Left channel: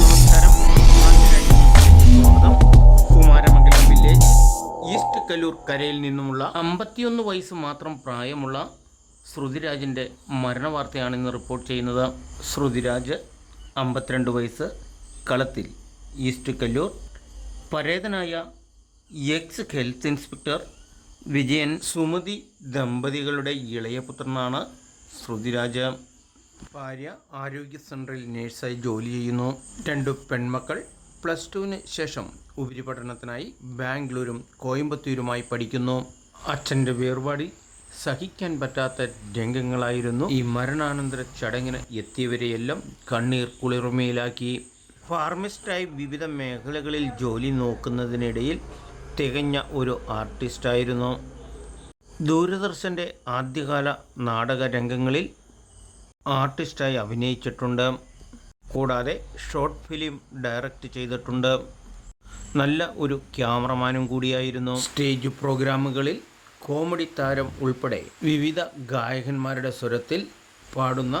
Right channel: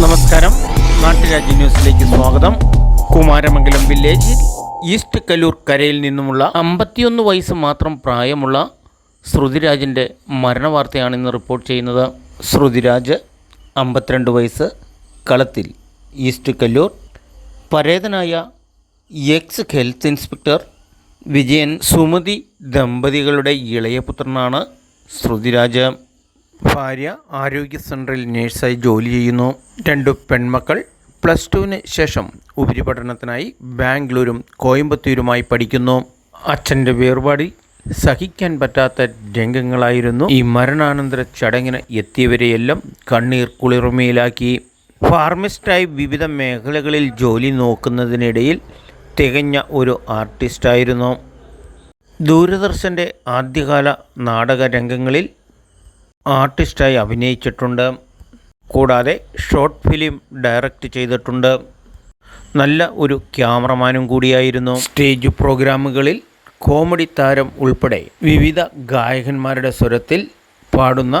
നമസ്കാരം, നാട്ടുരാജ്യ ന്യൂസിലേക്ക് സ്വാഗതം. കുമാരമംഗലം വില്ലേജ് ഈസ്റ്റ് കല്ലൂർ കരയിൽ നിന്നുമുള്ള 51 വയസ്സ് മാത്രം പ്രായമുള്ള ശ്രുതിരാജിൻ്റെ മരണവാർത്തയാണ് ഇന്ന് റിപ്പോർട്ട് ചെയ്യുന്നത്. ശ്രുതിരാജ് 52 വയസ്സ്, കളത്തിൽ ഈസ്റ്റ് കല്ലൂർ. പരേതനായ X health inspector Vijayan Sumathi ദമ്പതികളുടെ ഇളയ പുത്രനാണ് ശ്രുതിരാജ്. ഭാര്യ ആരോഗ്യ സെൻറ്ററിൽ നേഴ്സായി ജോലി ചെയ്യുന്നു. 2 പെൺമക്കൾ +2 ശേഷം ഉപരിപഠനത്തിനായി ബാംഗ്ലൂരും കോയമ്പത്തൂരുമായി പഠിക്കുന്നു. അച്ഛൻ്റെ വേർപാടിൽ സഹിക്കാൻ പറ്റാത്ത രംഗങ്ങളായിരുന്നു ഈ മരണാനന്തര ചടങ്ങിന് എത്തിയവരെയെല്ലാം കണ്ണീർ കുളിർമയിലാക്കി. ഫാർമസിസ്റ്റായി വിവിധ മേഖലകളിൽ ജോലി നോക്കുന്നതിനിടയിൽ തികഞ്ഞ ഒരു ആർട്ടിസ്റ്റായിരുന്നു. ദൂരദർശൻ്റെ ആദ്യകാല നാടക രംഗങ്ങളിൽ ആർട്ടിസ്റ്റായി അഭിനയിച്ചിട്ടുണ്ട്. കൂടാതെ ഷോർട്ട് ഫിലിം ഡയറക്റ്റ് ചെയ്തിട്ടുണ്ട്. നല്ല ഒരു ക്യാമറമാനും കൂടിയായിരുന്നു. സ്റ്റേജ് പ്രോഗ്രാമുകളിൽ കോമഡി താരം ഉൾപ്പെടെ വിവിധ ഗായകന്മാരുടെ സ്വരത്തിൽ പാടുന്ന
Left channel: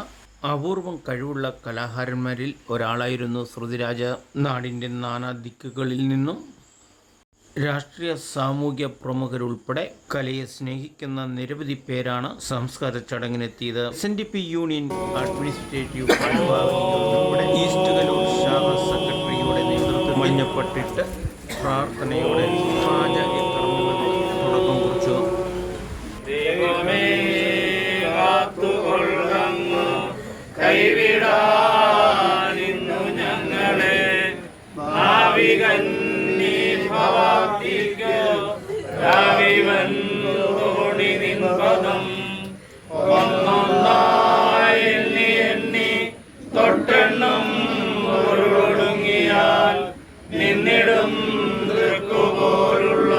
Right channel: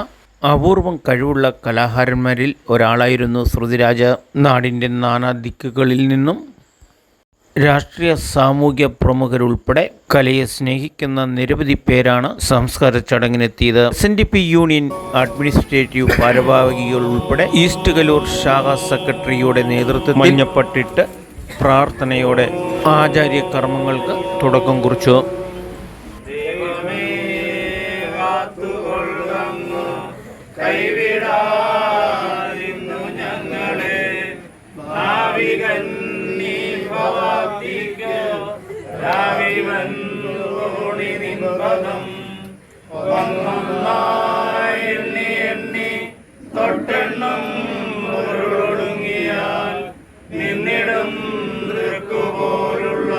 അപൂർവം കഴിവുള്ള കലാകാരന്മാരിൽ ഒരാളായിരുന്നു ശ്രുതിരാജ്. നാടിൻ്റെ നാനാ ദിക്കുകളിൽ നിന്നും രാഷ്ട്രീയ സാമൂഹ്യ പ്രമുഖരുൾപ്പെടെ കലയെ സ്നേഹിക്കുന്ന നിരവധി പേരാണ് സംസ്കാര ചടങ്ങിനെത്തിയത്. SNDP യൂണിയൻ അഡ്മിനിസ്ട്രേറ്റീവ് ഭാരവാഹികൾ ഉൾപ്പെടെ ഈസ്റ്റ് കല്ലൂർ ശാഖ സെക്രട്ടറിയുടെ നേതൃത്വത്തിൽ മഞ്ഞപ്പട്ടിട്ട് പ്രാർത്ഥനയോടെ ആചാര്യ കർമ്മങ്ങൾക്ക് തുടക്കം കുറിച്ചു. തൊട്ടെണ്ണം ഒടുങ്ങിയാൽ നിന്നിടും പോലുള്ള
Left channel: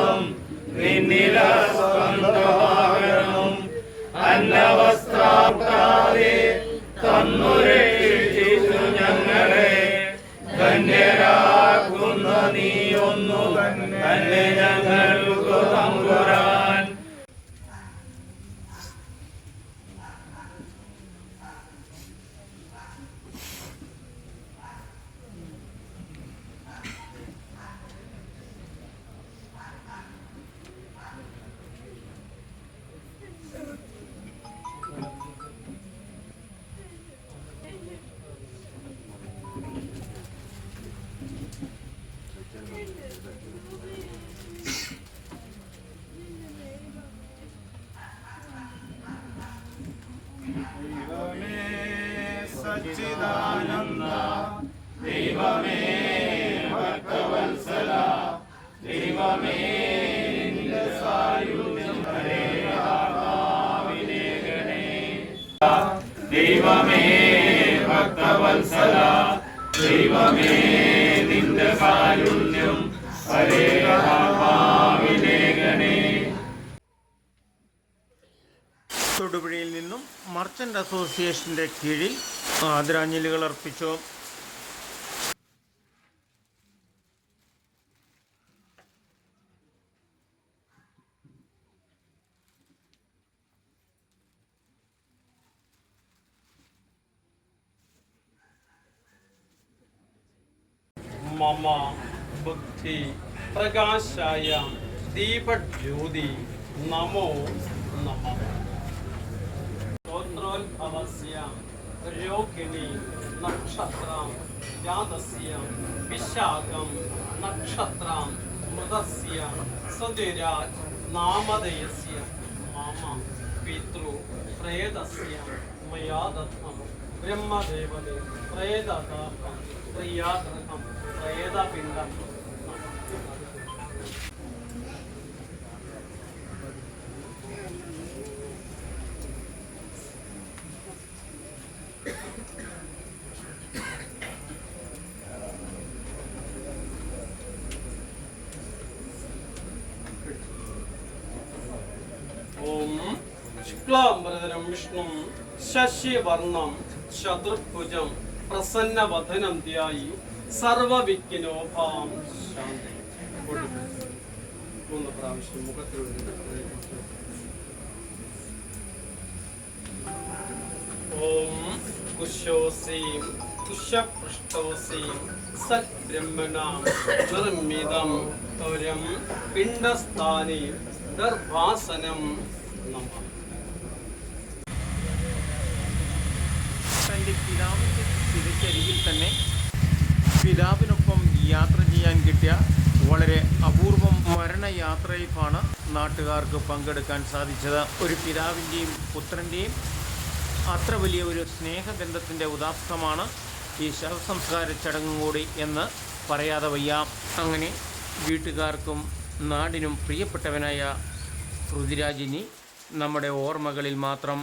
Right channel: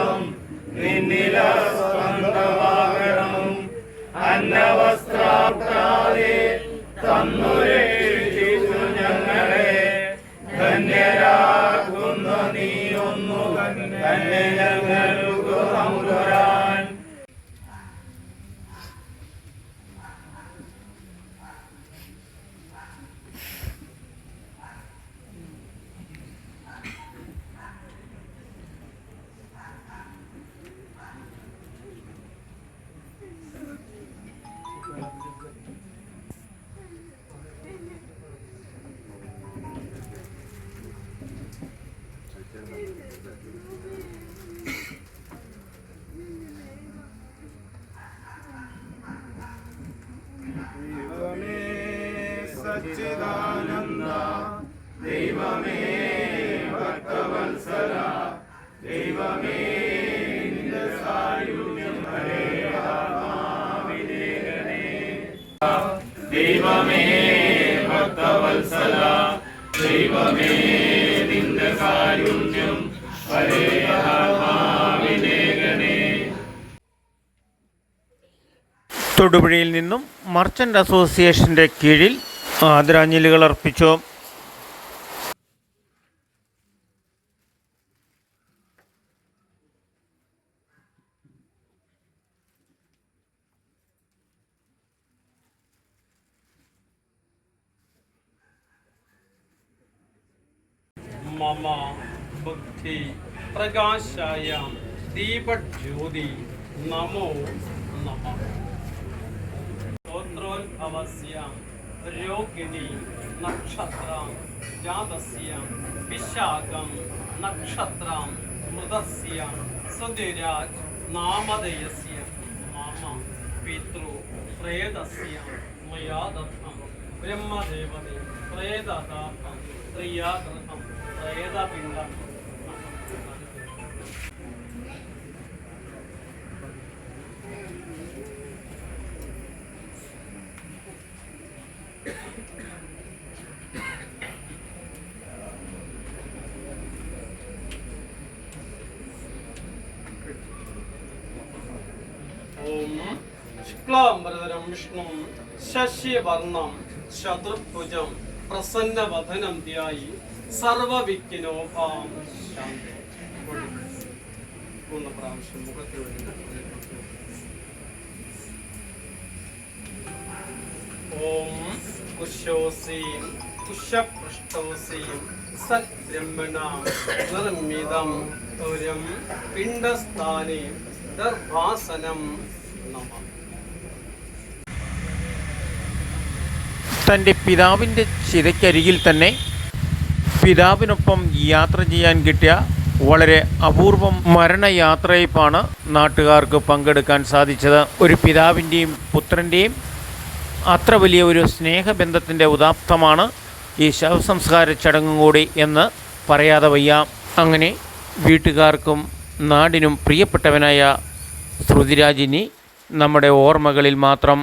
നിന്നിലും അന്നവസ്ത്രാതെ തന്നുരക്ഷിച്ചു ഞങ്ങളെ. ധന്യരാകുന്ന നീയൊന്നു തന്നെ ഞങ്ങൾക്ക് തമ്പുരാൻ. സച്ചിദാനന്ദ ദൈവമേ ഭക്തവത്സല ദൈവമേ നിന്റെ സായുജ്യം ആത്മാവിനേകണേ. ദൈവമേ ഭക്തവത്സല ദൈവമേ നിന്റെ സായുജ്യം ആത്മാവിനേകണേ. തൊടുപുഴയിൽ നിന്നും മർച്ചൻ്റ് അസോസിയേഷൻ്റെ കീഴിൽ ആദരാഞ്ജലികൾ അർപ്പിച്ചു. മമ ബുദ്ധി പ്രകാശായ ദീപജ്യോതി നമോ നമഃ. ഗോത്രോദ്ഭവസ്യ രോഹിണി നക്ഷത്രം ജാതസ്യ വിശാഖം നക്ഷത്രം മൃതസ്യ സുധിരാജ് നാമധേയസ്യ മമ പിതൃ പ്രേതസ്യ മയാ ദത്തം ബ്രഹ്മദേവതേ പ്രേതദാഹം പ്രിയാഗ്രഹം പ്രേതപിണ്ഡം. ഓം ശുക്ലാംബരധരം വിഷ്ണു ശശിവർണം ശത്രുഭുജം പ്രസന്നവദനം ധ്യായി സർവവിഘ്നോപാം ശാന്തി. 3 പ്രാവശ്യം മുഖത്തിലൂടെ വിശ്വസീം കുശപൃഷ്ടോസീം സദ്ബ്രഹ്മണാം നിർമ്മിതം തുരം പിണ്ഡസ്ഥാനെ ദർഭാസനം നമഃ. തൻ്റെ പിതാവിൻ്റെ ചിതയ്ക്കരികിൽ തന്നെ പിതാവിനൊപ്പം യാത്ര ചെയ്യാൻ കിട്ടിയ വളരെ അപൂർവം മരണയാത്രയപ്പാണ് നാട്ടുകാർക്ക് പങ്കെടുക്കാൻ സാധിച്ചത്. ഒരു പിതാവിൻ്റെയും പുത്രൻ്റെയും അത്ര വലിയ ഒരു സ്നേഹബന്ധത്തിൻ്റെ ഉദാത്തമാണ് ഈ ശവസംസ്കാര ചടങ്ങും കൂടി എന്ന് പറയാതെ വയ്യ. അങ്ങനെ വീട്ടുകാർക്കും നാടിനും പ്രിയപ്പെട്ടവനായ ശ്രുതിരാജിനി നമ്മുടെ ഓർമ്മകളിൽ മാത്രം.